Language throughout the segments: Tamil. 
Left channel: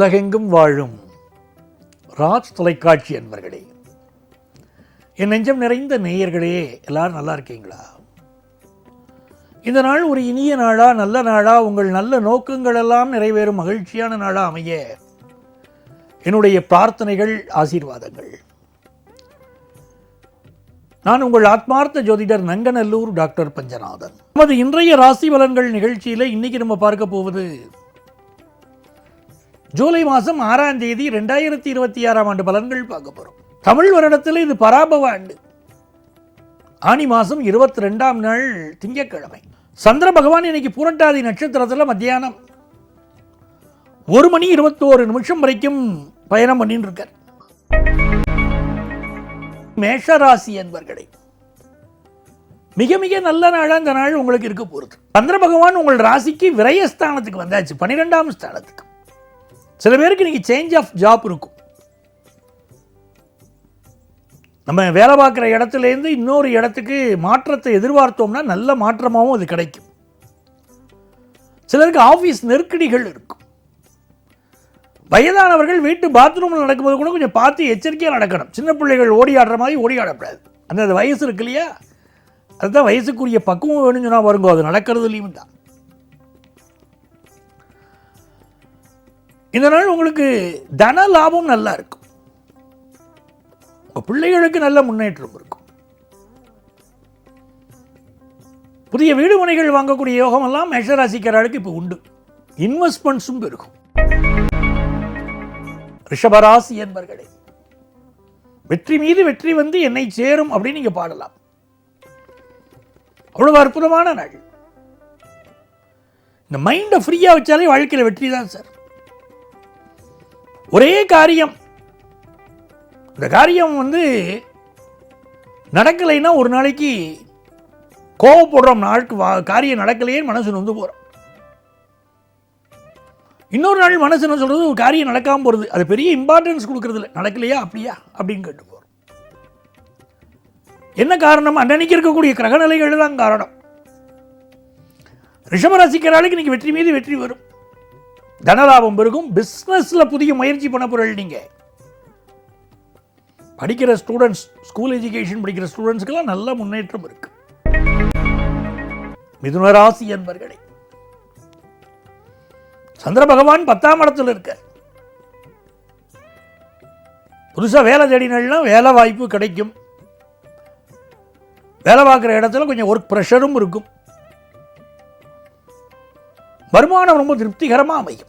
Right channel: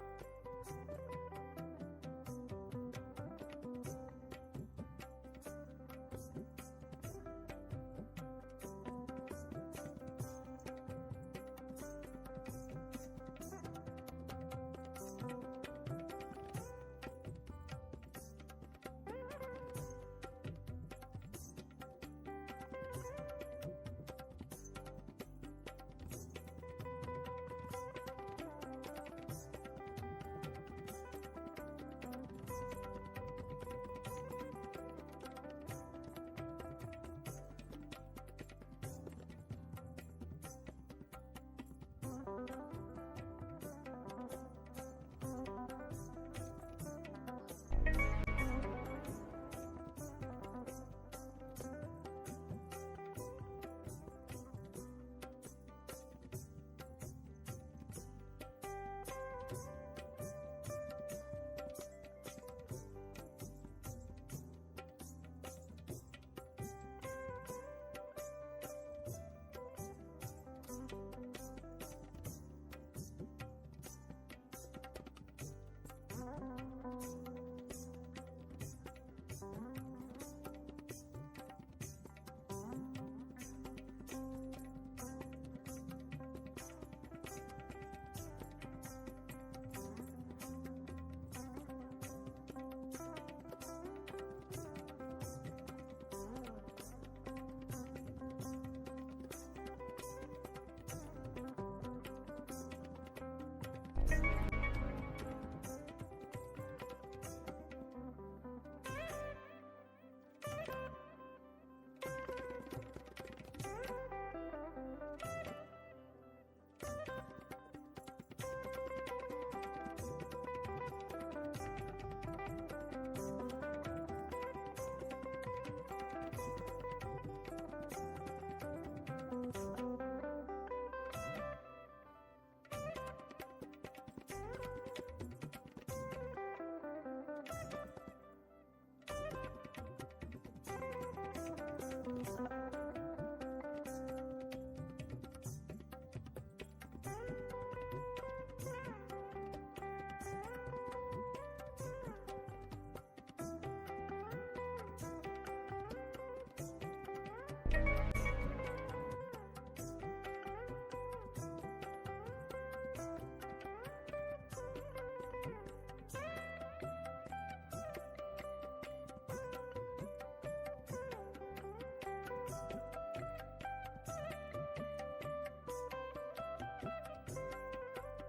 உலகெங்கும் வாழும் ராஜ் தொலைக்காட்சி அன்பர்களே, என் நெஞ்சம் நிறைந்த நேயர்களே, எல்லாரும் நல்லா இருக்கீங்களா? இந்த நாள் ஒரு இனிய நாளா, நல்ல நாளா, உங்கள் நல்ல நோக்கங்கள் எல்லாம் நிறைவேறும் மகிழ்ச்சியான நாளா அமைய என்னுடைய பிரார்த்தனைகள், ஆசீர்வாதங்கள். நான் உங்கள் ஆத்மார்த்த ஜோதிடர் நங்கநல்லூர் டாக்டர் பஞ்சநாதன். நமது இன்றைய ராசி பலன்கள் நிகழ்ச்சியில் இன்னைக்கு நம்ம பார்க்க போவது ஜூலை மாதம் 6ஆம் தேதி 2026ஆம் ஆண்டு பலன்கள் பார்க்க போறோம். தமிழ் வருடத்தில் இது பராபவ ஆண்டு. ஆனி மாதம் 22ஆம் நாள் திங்கட்கிழமை. சந்திர பகவான் இன்னைக்கு புரட்டாதி நட்சத்திரத்தில் மத்தியானம் 1:21 வரைக்கும் பயணம் பண்ணிட்டு இருக்கார். மேஷராசி என்பர்களே, மிக மிக நல்ல நாளா இந்த நாள் உங்களுக்கு இருக்க போறது. சந்திர பகவான் உங்கள் ராசிக்கு விரயஸ்தானத்துக்கு வந்தாச்சு, 12ஆம் ஸ்தானத்துக்கு. சில பேருக்கு இன்னைக்கு சேஞ்ச் ஆஃப் ஜாப் இருக்கும். நம்ம வேலை பார்க்குற இடத்துலேருந்து இன்னொரு இடத்துக்கு மாற்றத்தை எதிர்பார்த்தோம்னா நல்ல மாற்றமாகவும் அது கிடைக்கும். சிலருக்கு ஆஃபீஸ் நெருக்கடிகள் இருக்கும். வயதானவர்கள் வீட்டு பாத்ரூமில் நடக்கும்போது கூட கொஞ்சம் பார்த்து எச்சரிக்கையாக நடக்கணும். சின்ன பிள்ளைகள் ஓடி ஆடுற மாதிரி ஓடி ஆடக்கூடாது. அந்த வயசு இருக்கு இல்லையா, அதுதான் வயசுக்குரிய பக்குவம் வேணும்னு சொன்னால் வருங்க, அது நடக்கிறதுலையும் தான். இந்த நாள் உங்களுக்கு தன லாபம் நல்லா இருக்கும். பிள்ளைகளுக்கு நல்ல முன்னேற்றம் இருக்கும். புதிய வீடு மனைகள் வாங்கக்கூடிய யோகம் எல்லாம் மேஷராசிக்காரர்களுக்கு இப்போ உண்டு. இன்வெஸ்ட்மெண்ட்ஸும் இருக்கும். ரிஷபராசி என்பர்களே, வெற்றி மீது வெற்றி வந்து என்னை சேரும் அப்படின்னு நீங்க பாடலாம். அவ்வளவு அற்புதமான நாள். இந்த மைண்டை ஃப்ரீயா வச்சாலே வாழ்க்கையில் வெற்றி தான் சார். ஒரே காரியம், இந்த காரியம் வந்து நடக்கலைன்னா ஒரு நாளைக்கு கோவப்படுறோம். நாளுக்கு காரியம் நடக்கலையே மனசு நொந்து போறோம். இன்னொரு நாள் மனசு என்ன சொல்றது, ஒரு காரியம் நடக்காமல் போகிறது, அது பெரிய இம்பார்ட்டன்ஸ் கொடுக்கறது இல்லை. நடக்கலையா அப்படியா அப்படின்னு கேட்டு போகிறோம். என்ன காரணம்? அன்னைக்கு இருக்கக்கூடிய கிரகநிலைகள் தான் காரணம். ரிஷபராசிக்காரர்களுக்கு இன்னைக்கு வெற்றி மீது வெற்றி வரும். தனலாபம் பெருகும். பிஸ்னஸ்ல புதிய முயற்சி பண்ண பொருள். நீங்க படிக்கிற ஸ்டூடெண்ட்ஸ், ஸ்கூல் எஜுகேஷன் படிக்கிற ஸ்டூடெண்ட்ஸ்க்கெல்லாம் நல்ல முன்னேற்றம் இருக்கு. மிதுனராசி என்பர்களே, சந்திர பகவான் 10ஆம் இடத்துல இருக்க. புதுசா வேலை தேடினா வேலை வாய்ப்பு கிடைக்கும். வேலை பார்க்குற இடத்துல கொஞ்சம் ஒர்க் ப்ரெஷரும் இருக்கும். வருமானம் ரொம்ப திருப்திகரமா அமையும்.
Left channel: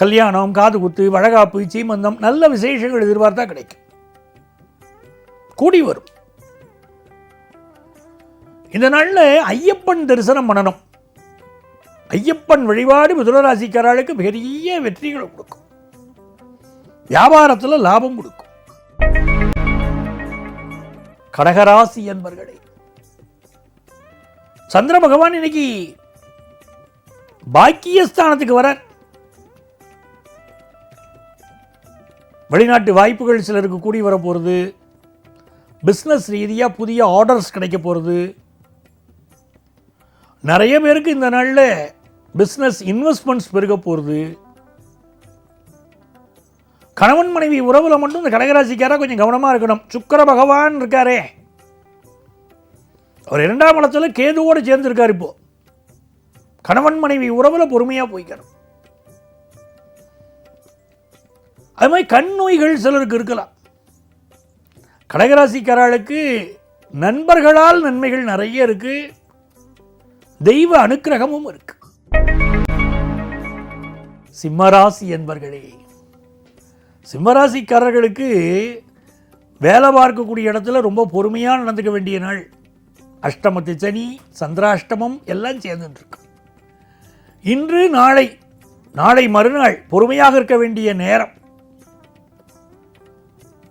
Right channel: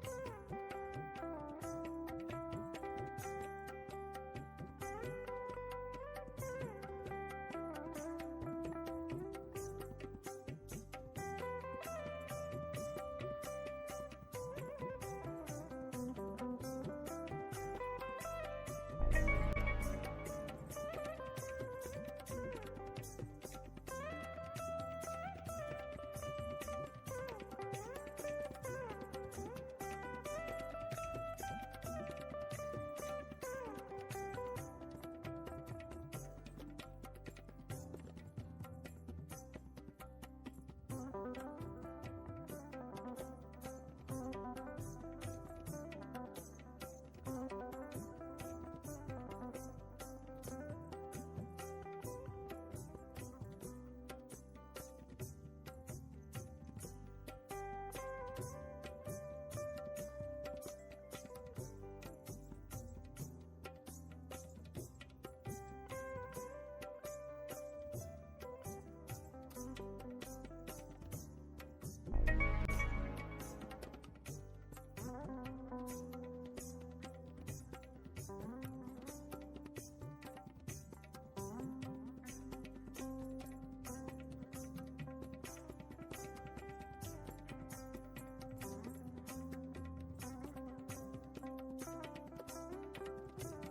கல்யாணம், காது குத்து, வழகாப்பு, சீமந்தம், நல்ல விசேஷங்கள் எதிர்பார்த்தா கிடைக்கும், கூடி வரும். இந்த நாள்ல ஐயப்பன் தரிசனம் பண்ணணும். ஐயப்பன் வழிபாடு மிதுனராசிக்காரர்களுக்கு பெரிய வெற்றிகளை கொடுக்கும். வியாபாரத்தில் லாபம் கொடுக்கும். கடகராசி என்பர்களே, சந்திர பகவான் இன்னைக்கு பாக்கியஸ்தானத்துக்கு வர. வெளிநாட்டு வாய்ப்புகள் சிலருக்கு கூடி வர போகிறது. பிஸ்னஸ் ரீதியாக புதிய ஆர்டர்ஸ் கிடைக்க போகிறது. நிறைய பேருக்கு இந்த நாளில் பிஸ்னஸ் இன்வெஸ்ட்மெண்ட்ஸ் பெருக போகிறது. கணவன் மனைவி உறவுல மட்டும் இந்த கடகராசிக்காரா கொஞ்சம் கவனமாக இருக்கணும். சுக்கிர பகவான் இருக்காரே, அவர் 2ஆம் இடத்துல கேதுவோடு சேர்ந்து இருக்கார். இப்போ கணவன் மனைவி உறவுல பொறுமையாக போய்க்கணும். அது மாதிரி கண் நோய்கள் சிலருக்கு இருக்கலாம். கடகராசிக்காரர்களுக்கு நண்பர்களால் நன்மைகள் நிறைய இருக்கு. தெய்வ அனுக்கிரகமும் இருக்கு. சிம்மராசி என்பர்களே, சிம்மராசிக்காரர்களுக்கு வேலை பார்க்கக்கூடிய இடத்துல ரொம்ப பொறுமையாக நடந்துக்க வேண்டிய நாள். அஷ்டமத்து சனி, சந்திராஷ்டமம் எல்லாம் சேர்ந்துட்டு இருக்கு. இன்று நாளை மறுநாள் பொறுமையாக இருக்க வேண்டிய நேரம்.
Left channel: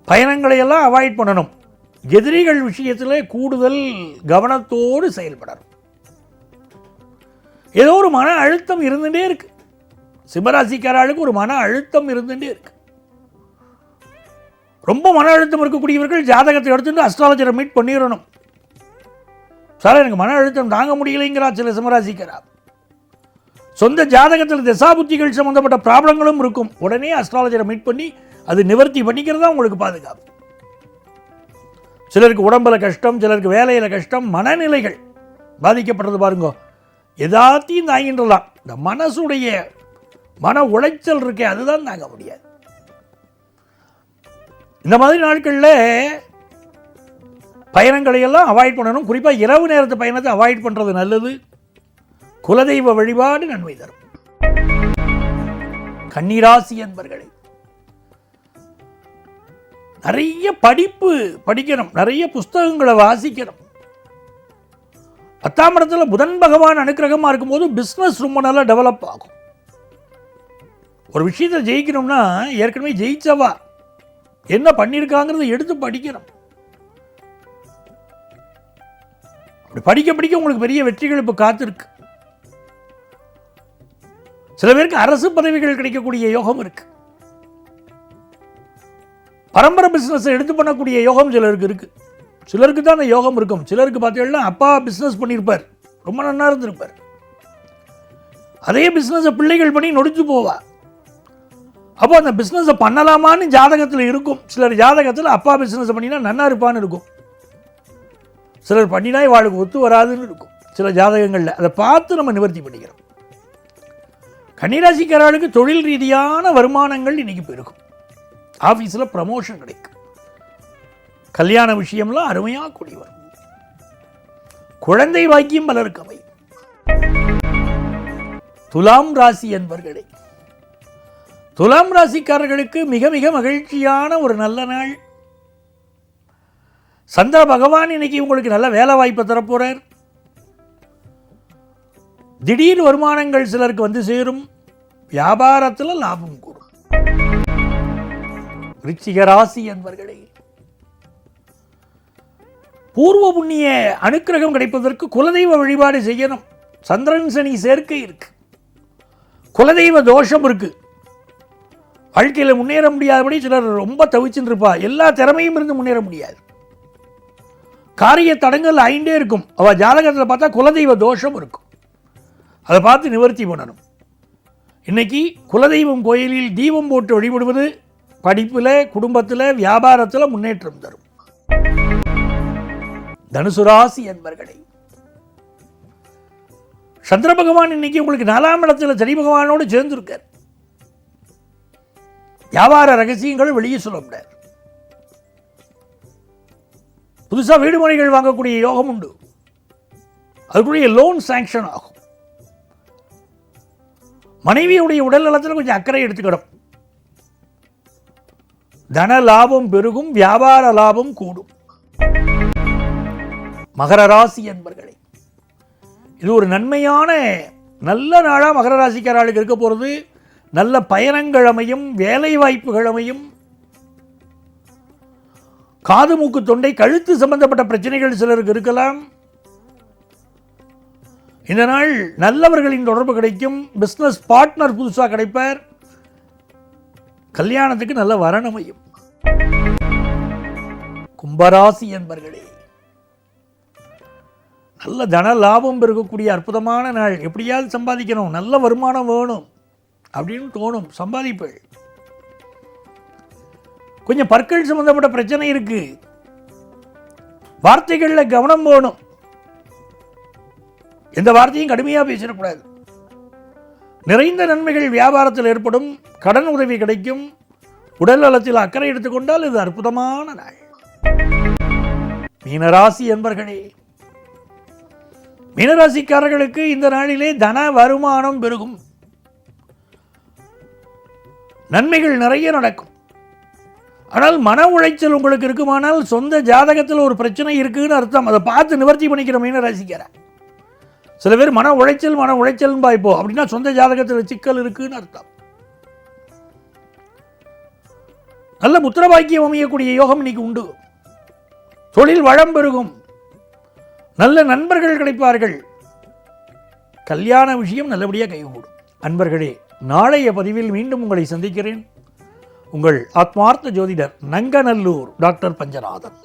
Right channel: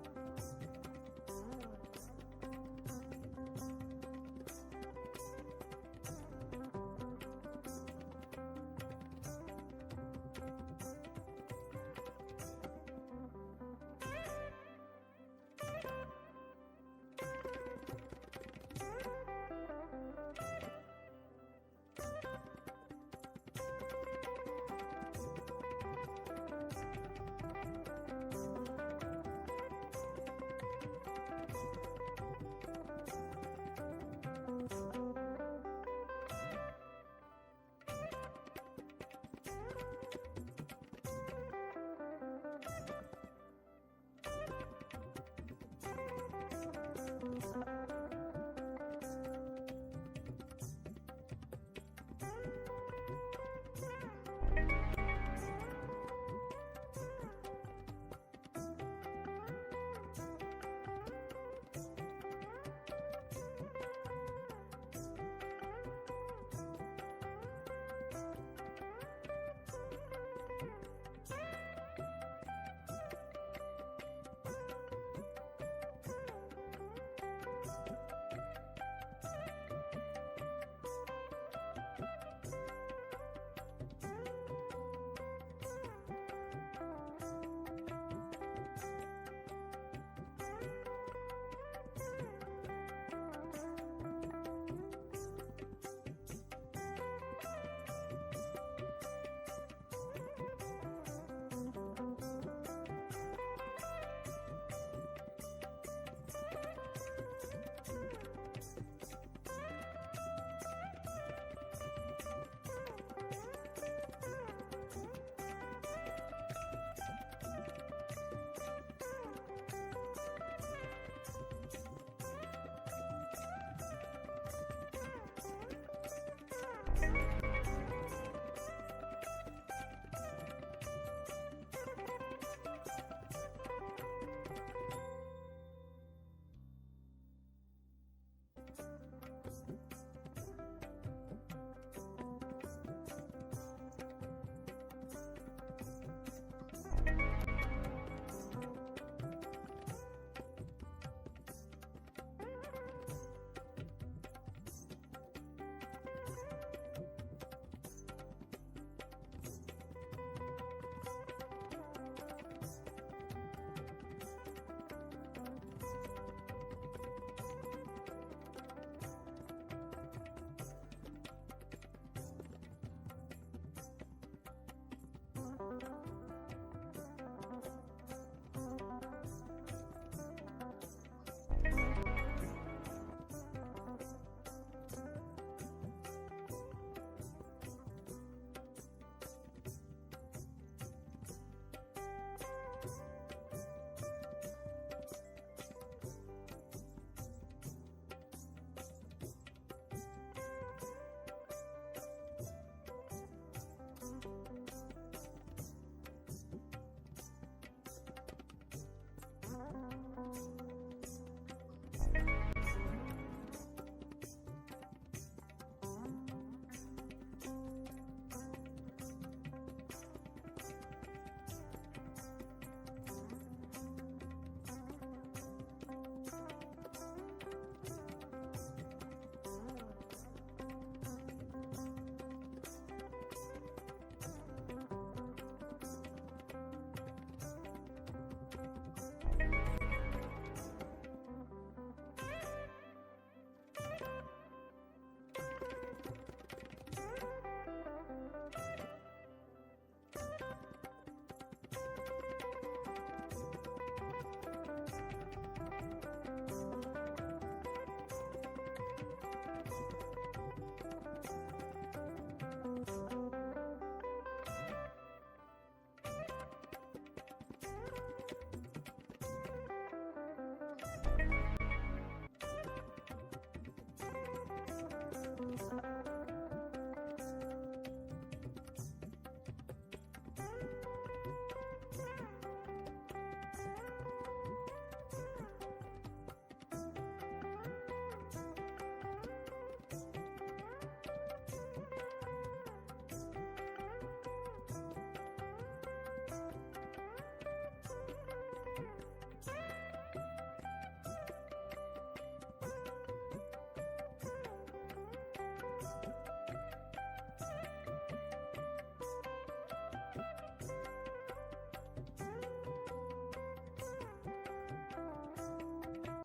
பயணங்களை எல்லாம் அவாய்ட் பண்ணணும். எதிரிகள் விஷயத்தில் கூடுதல் கவனத்தோடு செயல்படணும். ஏதோ ஒரு மன அழுத்தம் இருந்துட்டே இருக்கு. சிம்மராசிக்காரர்களுக்கு ஒரு மன அழுத்தம் இருந்துட்டே இருக்கு. ரொம்ப மன அழுத்தம் இருக்கக்கூடியவர்கள் ஜாதகத்தை எடுத்துட்டு அஸ்ட்ராலஜரை மீட் பண்ணிடணும். சார், எனக்கு மன அழுத்தம் தாங்க முடியலைங்கிறா சில சிம்மராசிக்காரா. சொந்த ஜாதகத்தில் தசாபுத்திகள் சம்பந்தப்பட்ட ப்ராப்ளங்களும் இருக்கும். உடனே அஸ்ட்ராலஜரை மீட் பண்ணி அது நிவர்த்தி பண்ணிக்கிறது தான் உங்களுக்கு பாதுகாப்பு. சிலருக்கு உடம்புல கஷ்டம், சிலருக்கு வேலையில் கஷ்டம், மனநிலைகள் பாதிக்கப்பட்டது பாருங்க. எதாத்தையும் தாங்கின்றலாம். இந்த மனசுடைய மன உளைச்சல் இருக்கே, அதுதான் தாங்க முடியாது. இந்த மாதிரி நாட்களில் பயணங்களை எல்லாம் அவாய்ட் பண்ணணும். குறிப்பாக இரவு நேரத்து பயணத்தை அவாய்ட் பண்ணுறது நல்லது. குலதெய்வ வழிபாடு நன்மை தரும். கன்னிராசி என்பர்களே, நிறைய படிப்பு படிக்கணும், நிறைய புஸ்தகங்களை வாசிக்கணும். 10ஆம் இடத்துல புதன் பகவான் அனுக்கிரகமாக இருக்கும்போது பிஸ்னஸ் ரொம்ப நல்லா டெவலப் ஆகும். ஒரு விஷயத்தை ஜெயிக்கணும்னா ஏற்கனவே ஜெயிச்சவா என்ன பண்ணியிருக்காங்கிறத எடுத்து படிக்கணும். அப்படி படிக்க படிக்க உங்களுக்கு பெரிய வெற்றிகள் இப்போ காத்திருக்கு. சில பேருக்கு அரசு பதவிகள் கிடைக்கக்கூடிய யோகம் இருக்கு. பரம்பரை பிசினஸ் எடுத்து பண்ணக்கூடிய யோகம் சிலருக்கு இருக்கு. சிலருக்கு தான் அந்த யோகம் இருக்கும். சிலருக்கு பார்த்தீங்கன்னா அப்பா பிசினஸ் பண்ணியிருப்பார், ரொம்ப நல்லா இருந்திருப்பார். அதே பிசினஸை பிள்ளைகள் பண்ணி நொடிச்சு போவா. அப்போ அந்த பிஸ்னஸை பண்ணலாமான்னு ஜாதகத்தில் இருக்கும். சிலர் ஜாதகத்தில் அப்பா பிஸ்னஸ் பண்ணினா நன்னா இருப்பான்னு இருக்கும். சிலர் பண்ணினா இவாளுக்கு ஒத்து வராதுன்னு இருக்கும் சில ஜாதகங்களில். அதை பார்த்து நம்ம நிவர்த்தி பண்ணிக்கிறோம். கன்னிராசிக்காரர்களுக்கு தொழில் ரீதியான வருமானங்கள் இன்னைக்கு போயிருக்கும். ஆஃபீஸில் ப்ரமோஷன் கிடைக்கும். கல்யாண விஷயம்லாம் அருமையாக கூடி வரும். குழந்தை வாக்கியம் பலருக்கு அமையும். துலாம் ராசி என்பர்களே, துலாம் ராசிக்காரர்களுக்கு மிக மிக மகிழ்ச்சியான ஒரு நல்ல நாள். சந்திர பகவான் இன்னைக்கு உங்களுக்கு நல்ல வேலை வாய்ப்பை தரப்போறார். திடீர் வருமானங்கள் சிலருக்கு வந்து சேரும். வியாபாரத்தில் லாபம் கூடும். விருச்சிக ராசி என்பர்களே, பூர்வ புண்ணிய அனுக்கிரகம் கிடைப்பதற்கு குலதெய்வ வழிபாடு செய்யணும். சந்திரன் சனி சேர்க்கை இருக்கு. குலதெய்வ தோஷம் இருக்கு. வாழ்க்கையில் முன்னேற முடியாதபடி சிலர் ரொம்ப தவிச்சுட்டு இருப்பா. எல்லா திறமையும் இருந்து முன்னேற முடியாது. காரிய தடங்கள் ஆயிண்டே இருக்கும். அவள் ஜாதகத்தில் பார்த்தா குலதெய்வ தோஷம் இருக்கும். அதை பார்த்து நிவர்த்தி பண்ணணும். இன்னைக்கு குலதெய்வம் கோயிலில் தீபம் போட்டு வழிபடுவது படிப்பில், குடும்பத்தில், வியாபாரத்தில் முன்னேற்றம் தரும். தனுசு ராசி என்பர்களே, சந்திர பகவான் இன்னைக்கு உங்களுக்கு 4ஆம் இடத்துல சனி பகவானோடு சேர்ந்திருக்கார். வியாபார ரகசியங்கள் வெளியே சொல்ல முடியாது. புதுசாக வீடு மனைகள் வாங்கக்கூடிய யோகம் உண்டு. அதுக்குரிய லோன் சாங்ஷன் ஆகும். மனைவியுடைய உடல் நலத்தில் கொஞ்சம் அக்கறை எடுத்துக்கணும். தன லாபம் பெருகும். வியாபார லாபம் கூடும். மகர ராசி என்பர்களே, இது ஒரு நன்மையான நல்ல நாளாக மகர ராசிக்காரர்களுக்கு இருக்க போகிறது. நல்ல பயணங்கள் அமையும். வேலை வாய்ப்புகள் அமையும். காது மூக்கு தொண்டை கழுத்து சம்பந்தப்பட்ட பிரச்சனைகள் சிலருக்கு இருக்கலாம். இந்த நாள் நல்லவர்களின் தொடர்பு கிடைக்கும். பிஸ்னஸ் பார்ட்னர் புதுசாக கிடைப்பார். கல்யாணத்துக்கு நல்ல வரன் அமையும். கும்பராசி என்பர்களே, நல்ல தன லாபம் இருக்கக்கூடிய அற்புதமான நாள். எப்படியாவது சம்பாதிக்கணும், நல்ல வருமானம் வேணும் அப்படின்னு தோணும். சம்பாதிப்பேள். கொஞ்சம் பற்கள் சம்பந்தப்பட்ட பிரச்சனை இருக்கு. வார்த்தைகளில் கவனம் வேணும். எந்த வார்த்தையும் கடுமையாக பேசிடக்கூடாது. நிறைந்த நன்மைகள் வியாபாரத்தில் ஏற்படும். கடன் உதவி கிடைக்கும். உடல் நலத்தில் அக்கறை எடுத்துக்கொண்டால் இது அற்புதமான நாள். மீனராசி என்பர்களே, மீனராசிக்காரர்களுக்கு இந்த நாளிலே தன வருமானம் பெருகும். நன்மைகள் நிறைய நடக்கும். ஆனால் மன உளைச்சல் உங்களுக்கு இருக்குமானால் சொந்த ஜாதகத்தில் ஒரு பிரச்சனை இருக்குன்னு அர்த்தம். அதை பார்த்து நிவர்த்தி பண்ணிக்கிற மீனராசிக்கார. சில பேர் மன உளைச்சல் பாய்ப்போ அப்படின்னா சொந்த ஜாதகத்தில் சிக்கல் இருக்குன்னு அர்த்தம். நல்ல புத்திரபாக்கியம் அமையக்கூடிய யோகம் இன்னைக்கு உண்டு. தொழில் வளம் பெருகும். நல்ல நண்பர்கள் கிடைப்பார்கள். கல்யாண விஷயம் நல்லபடியாக கைகூடும். அன்பர்களே, நாளைய பதிவில் மீண்டும் உங்களை சந்திக்கிறேன். உங்கள் ஆத்மார்த்த ஜோதிடர் நங்கநல்லூர் டாக்டர் பஞ்சநாதன்.